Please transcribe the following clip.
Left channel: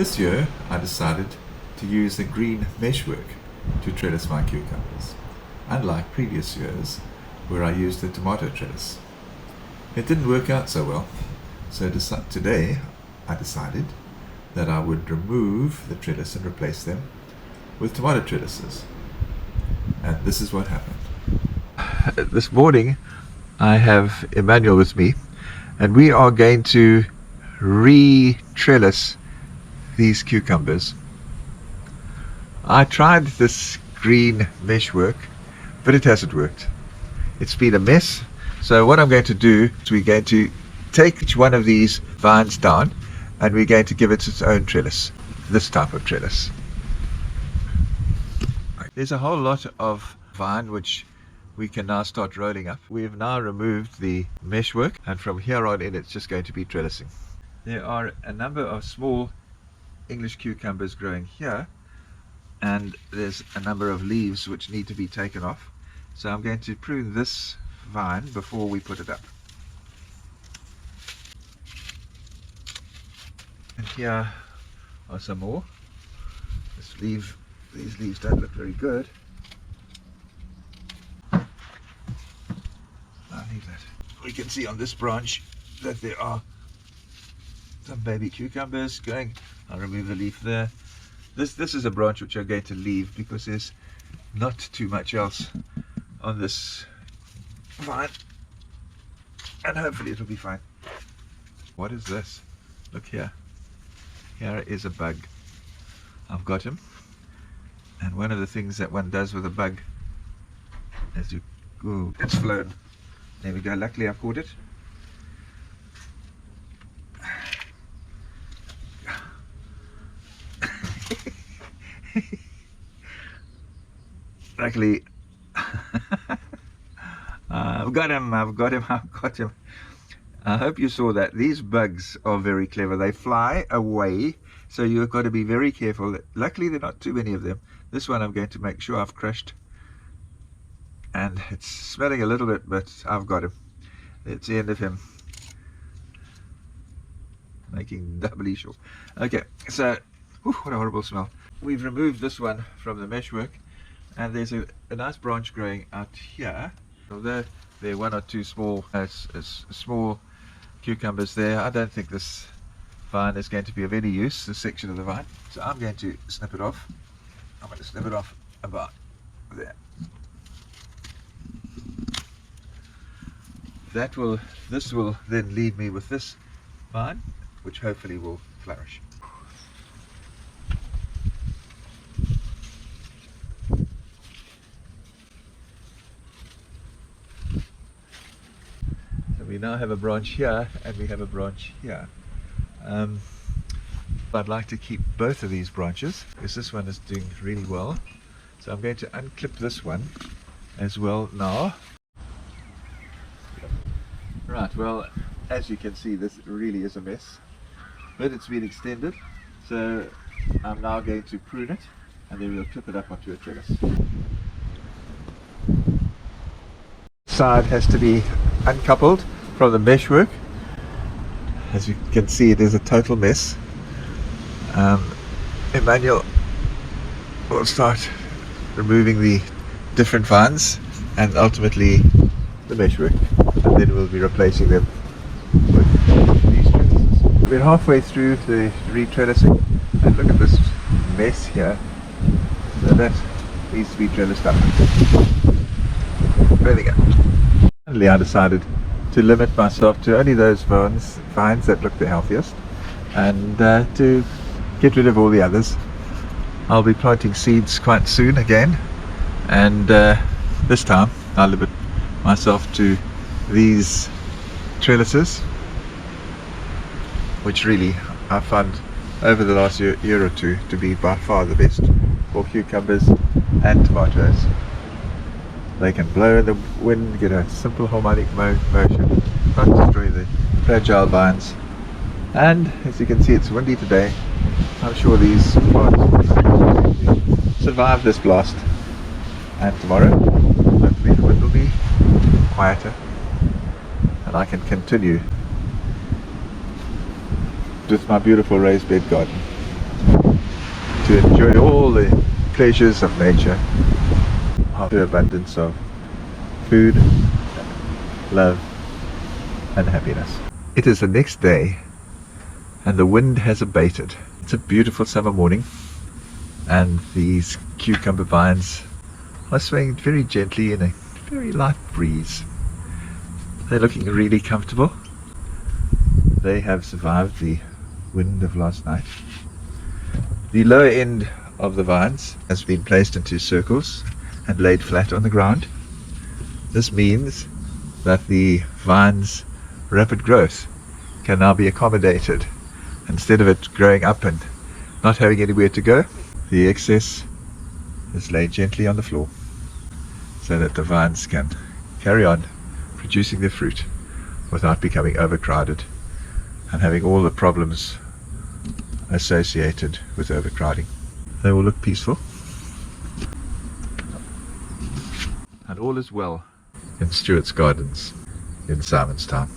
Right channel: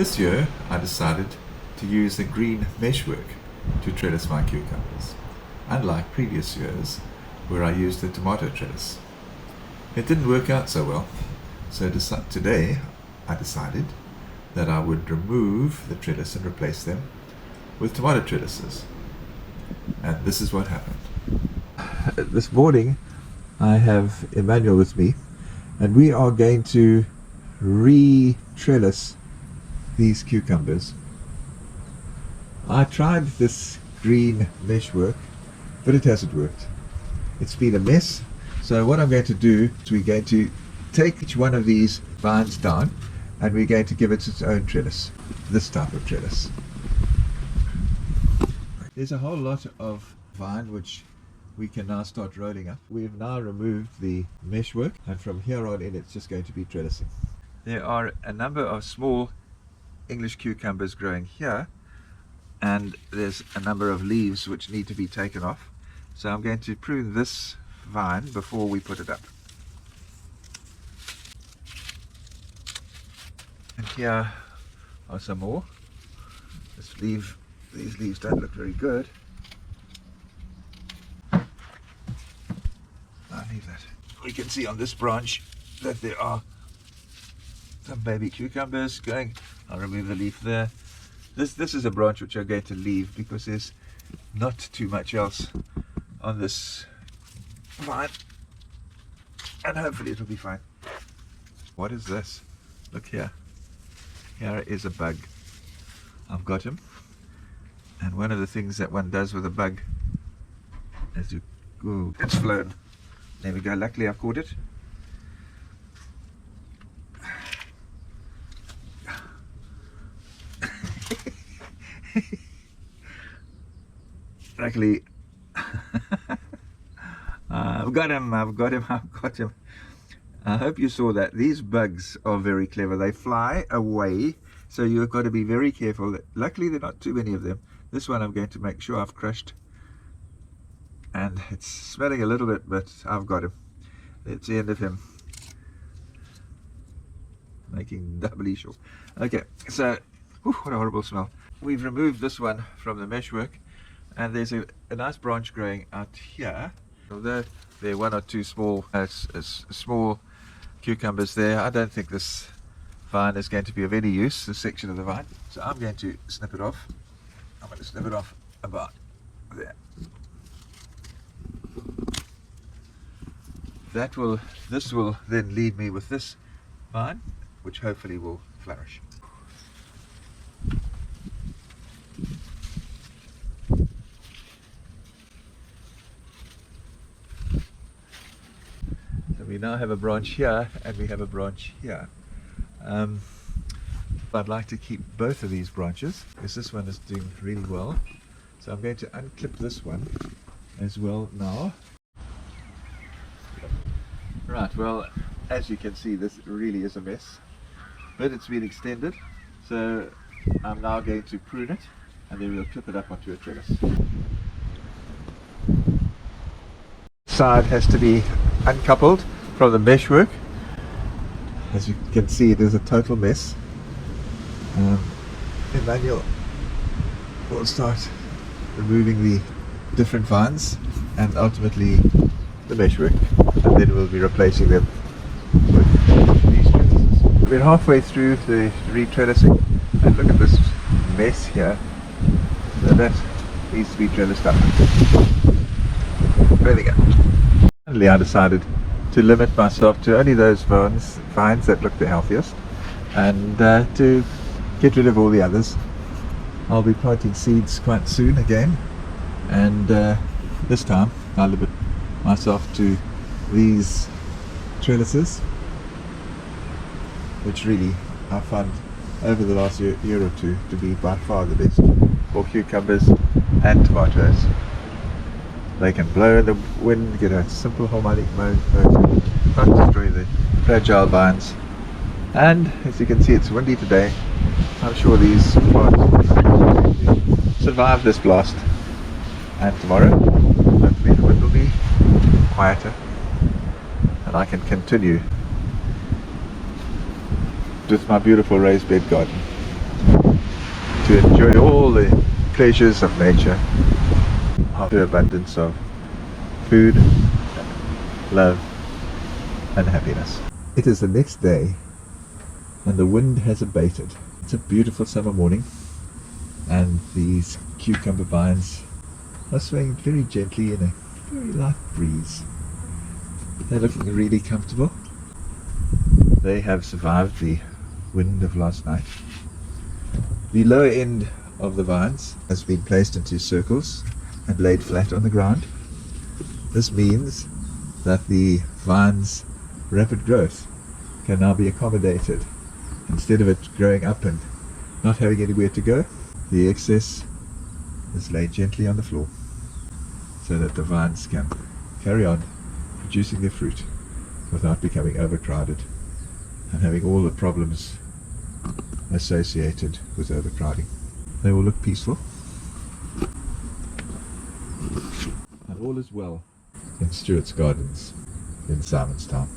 This year I decided to use the green meshwork to trellis my cucumbers, unlike previous years where I used the tomato trellis. It didn't work out so well, so today I decided that I would remove the trellis and replace them with tomato trellises. And this is what happened. This morning I have Emmanuel with me, and we are going to re-trellis these cucumbers. I tried this green meshwork, but it hasn't worked. It's been a mess. So what I'm going to do is we're going to take each one of these vines down and we're going to give it its own trellis, this type of trellis. There's a whole lot of vine which we can now start rolling up. We've now removed the meshwork, and from here on in it's just going to be trellising. There are a number of small English cucumbers growing here, and there's a number of leaves which need to be taken off. So I'm going to prune this vine before we put it up. And here are some more. These leaves don't look very good. I think that you can see on this branch that there are some baby cucumbers going. I'll remove the leaf there. This is a branch which I'm going to leave because there's not too much else on this vine, and hopefully it'll be fine. What is this? Look here. There is a bug. I've got him. And one of the things that one does with a bug is to go, it's flown. There we go, luckily I've caught it. Luckily, I've got him. I hope you saw that. These bugs are very clever. They fly away, so you've got to be very careful. Luckily, there are not too many of them. This one I'm going to make sure I've crushed. And it's smelling a little bit, but I've got him. That's the end of him. Making doubly sure. Okay, so, what a horrible smell. We've removed this one from the meshwork, and there's a nice branch growing out here. Although there are one or two small cucumbers there, I don't think this vine is going to be of any use, this section of the vine. So I'm going to snip it off. I'm going to snip it off about there. This will then leave me with this vine, which hopefully will flourish. So we now have a branch here and we have a branch here. I'd like to keep both of these branches because this one is doing really well. So I'm going to unclip this one as well now. Right, well, as you can see, this really is a mess, but it's been extended, so I'm now going to prune it and then we'll clip it up onto a trellis. Side has to be uncoupled from the meshwork. As you can see, it is a total mess. Emmanuel will start removing the different vines and ultimately the meshwork, and then we'll be replacing them with these trellises. We're halfway through the re-trellising, and look at this mess here. So that needs to be finished up. Really good. Finally, I decided to limit myself to only those vines that look the healthiest, and to get rid of all the others. I'll be planting seeds quite soon again, and this time I'll limit myself to these trellises, which really I found over the last year or two to be by far the best for cucumbers and tomatoes. They can blow in the wind, get a simple harmonic motion, not destroy the fragile vines. And as you can see, it's windy today. I'm sure these plants survive this blast. And tomorrow, hopefully it will be quieter. I can continue with my beautiful raised bed garden. to enjoy all the pleasures of nature, the abundance of food, love, and happiness. It is the next day, and the wind has abated. It's a beautiful summer morning, and these cucumber vines are swaying very gently in a very light breeze. They're looking really comfortable. They have survived the wind of last night. The lower end of the vines has been placed into circles and laid flat on the ground. This means that the vine's rapid growth can now be accommodated. Instead of it growing up and not having anywhere to go, the excess is laid gently on the floor so that the vines can carry on producing their fruit without becoming overcrowded and having all the problems associated with overcrowding. They will look peaceful, and all is well in Stewart's Gardens in Simonstown.